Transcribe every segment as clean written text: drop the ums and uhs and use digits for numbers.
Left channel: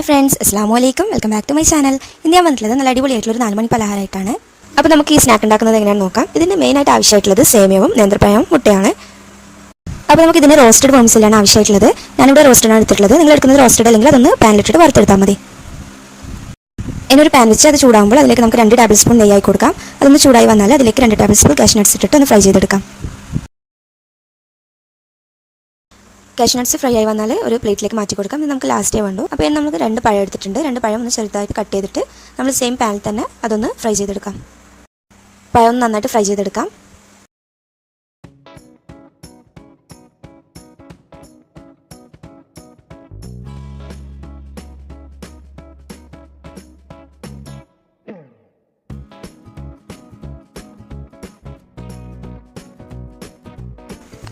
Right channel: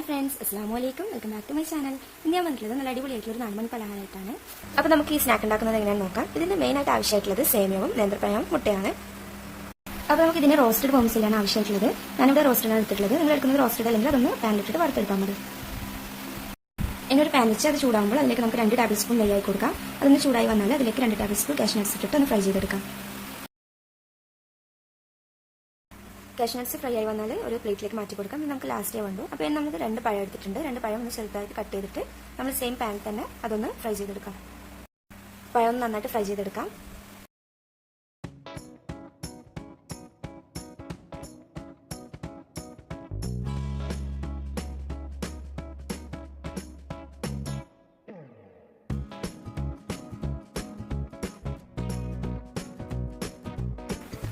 Hi friends, അസ്സലാമു അലൈക്കും. Welcome back to my channel. ഇന്ന് ഞാൻ വന്നിട്ടുള്ളത് നല്ല അടിപൊളിയായിട്ടുള്ള 4 മണി പലഹാരമായിട്ടാണ്. അപ്പോൾ നമുക്ക് ഈ സ്നാക്ക് ഉണ്ടാക്കുന്നത് എങ്ങനെയാണെന്ന് നോക്കാം. ഇതിന് മെയിനായിട്ട് ആവശ്യമായിട്ടുള്ളത് സേമിയവും നേന്ത്രപ്പഴവും മുട്ടയാണ്. അപ്പോൾ നമുക്ക് ഇതിന് റോസ്റ്റഡ് വേംസിലാണ് ആവശ്യമായിട്ടുള്ളത്. ഞാനിവിടെ റോസ്റ്റഡാണ് എടുത്തിട്ടുള്ളത്. നിങ്ങൾ എടുക്കുന്നത് റോസ്റ്റഡ് അല്ലെങ്കിൽ അതൊന്ന് പാനിലിട്ടിട്ട് വറുത്തെടുത്താൽ മതി. ഇനി ഒരു പാൻ വെച്ച് അത് ചൂടാകുമ്പോൾ അതിലേക്ക് നമുക്ക് 2 ടേബിൾ സ്പൂൺ നെയ്യായി കൊടുക്കാം. അതൊന്ന് ചൂടായി വന്നാൽ അതിലേക്ക് 2 ടേബിൾ സ്പൂൺ കാഷ്യൂ നട്ട്സ് ഇട്ടിട്ട് ഒന്ന് ഫ്രൈ ചെയ്തെടുക്കാം. കാഷ്യൂ നട്ട്സ് ഫ്രൈ ആയി വന്നാൽ ഒരു പ്ലേറ്റിലേക്ക് മാറ്റി കൊടുക്കാം. ഇത് നമുക്ക് ലാസ്റ്റേ വേണ്ടു. അപ്പോൾ ഇനി നമുക്ക് 2 പഴം എടുത്തിട്ടുണ്ട്. 2 പഴം ഒന്ന് ചെറുതായിട്ട് കട്ട് ചെയ്തിട്ട് നമ്മൾ സെയിം പാനിൽ തന്നെ അതൊന്ന് ഫ്രൈ ചെയ്തെടുക്കാം. പഴം ഒന്ന് നന്നായിട്ട് ഫ്രൈ ചെയ്തെടുക്കാം.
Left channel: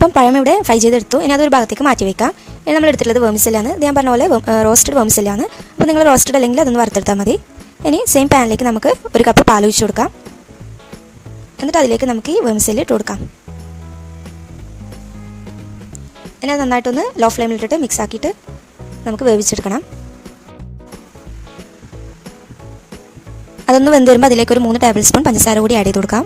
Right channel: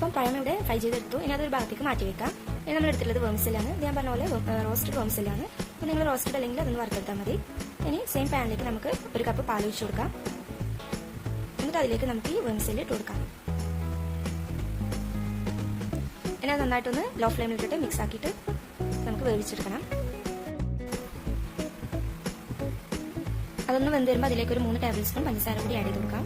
അപ്പം പഴം ഇവിടെ ഫ്രൈ ചെയ്തെടുത്തു. ഇനി അതൊരു ഭാഗത്തേക്ക് മാറ്റി വയ്ക്കാം. ഇനി നമ്മൾ എടുത്തിട്ടുള്ളത് വേംസിലാണ്. ഇത് ഞാൻ പറഞ്ഞ പോലെ റോസ്റ്റഡ് വേംസിലാണ്. അപ്പോൾ നിങ്ങൾ റോസ്റ്റഡ് അല്ലെങ്കിൽ അതൊന്ന് വറുത്തെടുത്താൽ മതി. ഇനി സെയിം പാനിലേക്ക് നമുക്ക് 1 കപ്പ് പാൽ ഒഴിച്ച് കൊടുക്കാം. എന്നിട്ട് അതിലേക്ക് നമുക്ക് ഈ വേംസിൽ ഇട്ട് കൊടുക്കാം. ഇനി അത് നന്നായിട്ടൊന്ന് ലോ ഫ്ലെയിമിലിട്ടിട്ട് മിക്സ് ആക്കിയിട്ട് നമുക്ക് വേവിച്ചെടുക്കണം. അതൊന്ന് വെന്ത് വരുമ്പോൾ അതിലേക്ക് ഒരു 3 ടേബിൾ സ്പൂൺ പഞ്ചസാര കൂടി ആഡ് ചെയ്ത് കൊടുക്കാം.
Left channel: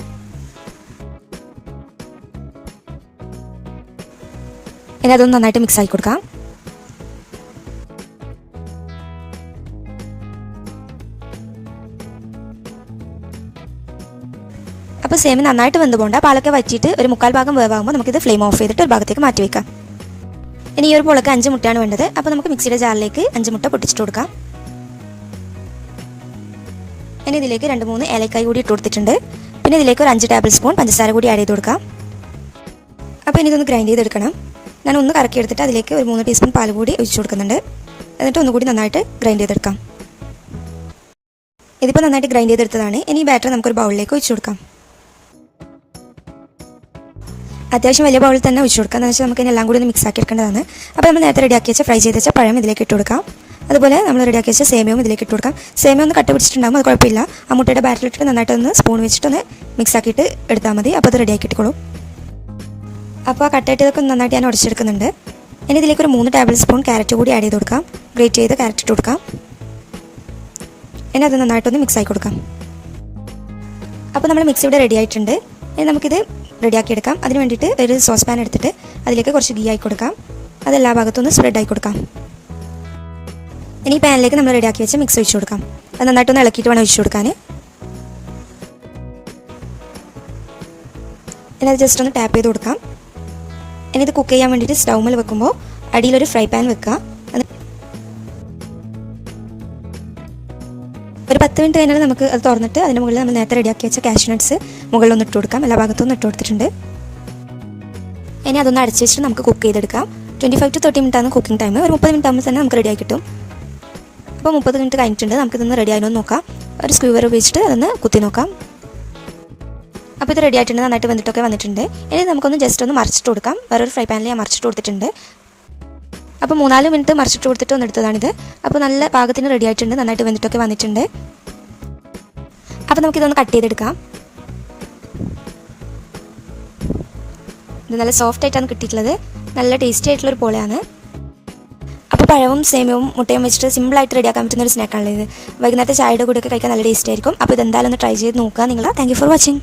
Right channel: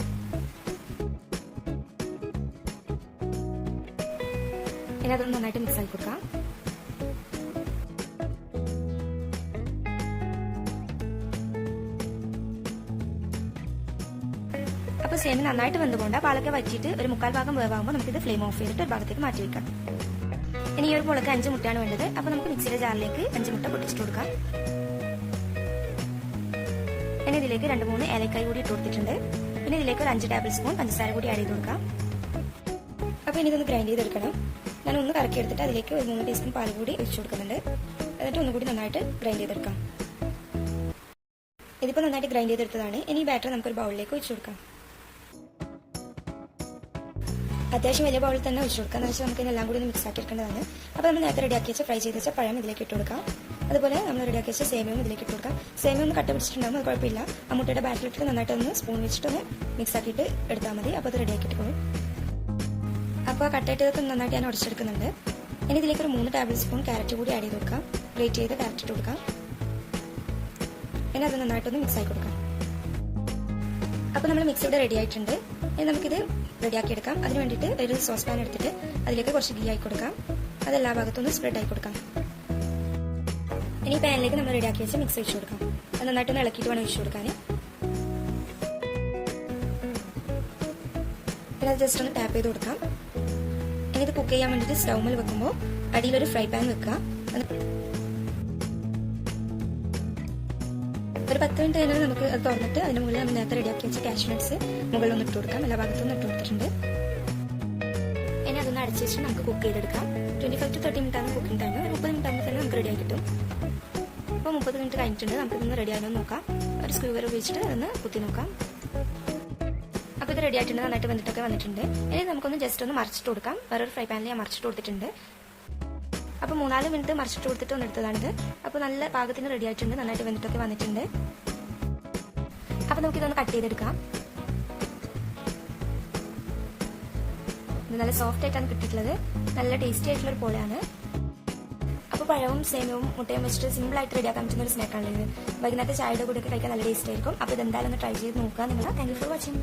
ഇനി അതൊന്ന് നന്നായിട്ട് മിക്സ് ആക്കി കൊടുക്കാം. അപ്പോൾ സേമിയ നന്നായിട്ട് വെന്ത് പോകണ്ട. പാലൊക്കെ വറ്റിയിട്ട് ഒരു 1/4 ഭാഗം വേവാകുമ്പോൾ നമുക്കിത് ഫ്ലെയിം ഓഫ് ചെയ്തിട്ട് ഒരു ഭാഗത്തേക്ക് മാറ്റി വയ്ക്കാം. ഇനി ഈ ഒരു പോളക്ക് 5 മുട്ടയാണ് വേണ്ടത്. അപ്പോൾ നമുക്ക് മിക്സിയുടെ ജാറിലേക്ക് 5 മുട്ട പൊട്ടിച്ചിട്ട് കൊടുക്കാം. ഇനി ഇതിലേക്ക് 2-3 ഏലക്കായ് കൂടി ഇട്ട് കൊടുത്തിട്ടുണ്ട്. പിന്നെ ഇതിലേക്ക് ഒരു 5 ടേബിൾ സ്പൂൺ പഞ്ചസാര കൂടി ആഡ് ചെയ്ത് കൊടുക്കാം. അപ്പോൾ ഇനി ഇതൊന്ന് ഗ്രൈൻഡ് ചെയ്തെടുക്കണം. ഞാൻ ഒന്ന് കറക്കി എടുത്തിട്ട് അതിലേക്ക് ഒരു 3 ടീസ്പൂൺ പാൽ കൂടി ഒഴിച്ചു കൊടുക്കുന്നുണ്ട്. എന്നിട്ട് ഒന്നുകൂടി നന്നായിട്ട് ഗ്രൈൻഡ് ചെയ്തെടുക്കാം. ഇതിപ്പോൾ നന്നായിട്ട് ഗ്രൈൻഡ് ചെയ്തെടുത്തതാണ്. ഇനി ഈ ബാറ്റർ നമുക്കൊരു ബൗളിലേക്ക് ഒഴിച്ചു കൊടുക്കാം. അത്യാവശ്യം വലിയ ബൗളിൽ തന്നെ ഒഴിച്ചു കൊടുക്കാം. എന്ന് വെച്ചാൽ നമുക്ക് എല്ലാം കൂടി ഒന്ന് മിക്സ് ആക്കി എടുക്കേണ്ടതാണ്. അപ്പോൾ നമ്മൾ നേരത്തെ റെഡിയാക്കി വെച്ച ഫ്രൈ ചെയ്ത് വെച്ച പഴം ഇതിലേക്ക് ഇട്ട് കൊടുക്കാം. അതുപോലെ നമ്മൾ റെഡിയാക്കി വെച്ച സേമിയവും ഇതിലേക്ക് ഇട്ട് കൊടുക്കാം. സേമിയ ഒന്ന് കട്ട് പിടിച്ചിട്ടുണ്ടാകും, അത് കുഴപ്പമില്ല. ആ മുട്ടയുടെ ബാറ്ററിലിട്ട് നന്നായിട്ടൊന്ന് സ്പൂൺ വെച്ചിട്ടൊന്ന് മിക്സ് ആക്കിയിട്ട് എടുത്താൽ മതി. അപ്പോൾ അത് റെഡിയാക്കി ഇട്ടുകൊള്ളും. അപ്പോൾ ആ കട്ടായിട്ടതൊക്കെ നന്നായിട്ട് ഞാൻ ഉടച്ചെടുക്കുന്നുണ്ട്. ഇനി ഇതിലേക്ക് ഒരു 3 ടേബിൾ സ്പൂൺ ക്യാരറ്റ് കൂടി ആഡ് ചെയ്ത് കൊടുക്കാം. ഗ്രേറ്റ് ചെയ്ത് ക്യാരറ്റ് ഇട്ട് കൊടുക്കാം. ഇനി അത് നന്നായിട്ടൊന്ന് മിക്സ് ആക്കി കൊടുക്കാം. അപ്പോൾ നമ്മൾ മിക്സ് ഇവിടെ റെഡി ആയിട്ടുണ്ട്. ഇനി നമുക്കിത് റെഡിയാക്കി എടുക്കാം. അതിന് വേണ്ടിയിട്ട് ഒരു സോസ് പാൻ എടുത്തിട്ട് അതിലേക്ക് കുറച്ച് ഗീ ആയി കൊടുക്കാം. അതെല്ലാ ഭാഗത്തുനിന്ന് സ്പ്രെഡ് ആയി കൊടുക്കാം. ഇനി ഈ പാനിലേക്ക് നമ്മൾ റെഡിയാക്കി വെച്ച് മിക്സ് ഒഴിച്ച് കൊടുക്കാം. അത് നന്നായിട്ടൊന്ന് ഇളക്കിയിട്ട് വേണം ഒഴിച്ച് കൊടുക്കാൻ. ഇനി അത് ജസ്റ്റ് ഒന്ന് ടാപ്പ് ചെയ്ത് കൊടുക്കാം. ഇനി ഇത് കുക്ക് ചെയ്യാൻ വേണ്ടിയിട്ട് സ്റ്റൗമിൽ വെക്കുമ്പോൾ അടിയിലൊരു ഫ്രൈ പാൻ വെക്കുക. ഒരു 10 മിനിറ്റ് കഴിഞ്ഞാൽ നമുക്ക് അത് തുറന്നിട്ട് അതിന് മുകളിൽ നമ്മൾ നേരത്തെ റെഡിയാക്കി വെച്ച കാഷ്യൂ നട്ട്സ് മുകളിലൊന്ന് ഇട്ട് കൊടുക്കാം. എല്ലാ ഭാഗത്തുനിന്ന് ഇട്ട് കൊടുത്തിട്ടുണ്ട്. ഇനി അതൊന്ന് അടച്ച് വെച്ചിട്ട് നമുക്ക് കുക്ക് ചെയ്തെടുക്കാം. 25 to 30 മിനിറ്റാണ് കുക്കിംഗ് ടൈം. ഒരു 30 മിനിറ്റ് ആകുമ്പോൾ തന്നെ നമുക്ക് റെഡിയായി കിട്ടും. അപ്പോൾ 30 മിനിറ്റ് കഴിഞ്ഞിട്ടുണ്ട്. നമുക്കിതൊന്ന് റെഡി ആയെന്ന് നോക്കാം. ഒരു സ്ക്യൂവർ ഉപയോഗിച്ചിട്ട് അതൊന്ന് കുത്തി നോക്കാം. അപ്പോൾ ഇത് റെഡി ആയിട്ടുണ്ട്. നന്നായിട്ട് വന്നിട്ടൊക്കെ വന്നിട്ടുണ്ട്. ഇനി നമുക്കൊന്ന് ജസ്റ്റ് ഒന്ന് മറിച്ചിട്ട് കൊടുക്കാം. വേറൊരു ഫ്രൈ പാനിൽ ഞാൻ മറിച്ചിട്ട് കൊടുത്തിട്ടുണ്ട്. അപ്പോൾ 3-4 മിനിറ്റ് മറിച്ചിട്ട് കൊടുത്തിട്ട് ഒന്ന് എടുത്തതാണിത്. അപ്പോൾ നല്ല പാകത്തിന് റെഡി ആയിട്ടുണ്ട്. നന്നായിട്ട് വന്നിട്ടൊക്കെ വന്നിട്ടുണ്ട്. അപ്പോൾ നമുക്കിതൊന്ന് കട്ട് ചെയ്തെടുക്കാം. ഇത് നല്ല സോഫ്റ്റ് ആയിട്ടാണ് കിട്ടിയിട്ടുള്ളത്. നല്ല ടേസ്റ്റി ആയിട്ടുള്ളൊരു പോളയാണ്. അപ്പോൾ പഴവും സേമിയവും മുട്ടയും വെച്ചിട്ട് സിമ്പിളായിട്ട് റെഡിയാക്കാൻ പറ്റുന്ന ഒരു സ്നാക്കാണല്ലോ ഇത്. വൈകുന്നേരത്തെ ചായയുടെ കൂടെയൊക്കെ കഴിക്കാൻ നല്ല ടേസ്റ്റ് ആയിരിക്കും. അപ്പോൾ ഇതെന്തായാലും ഒന്ന് ട്രൈ ചെയ്ത് നോക്കുക നിങ്ങൾ. Thank you for watching.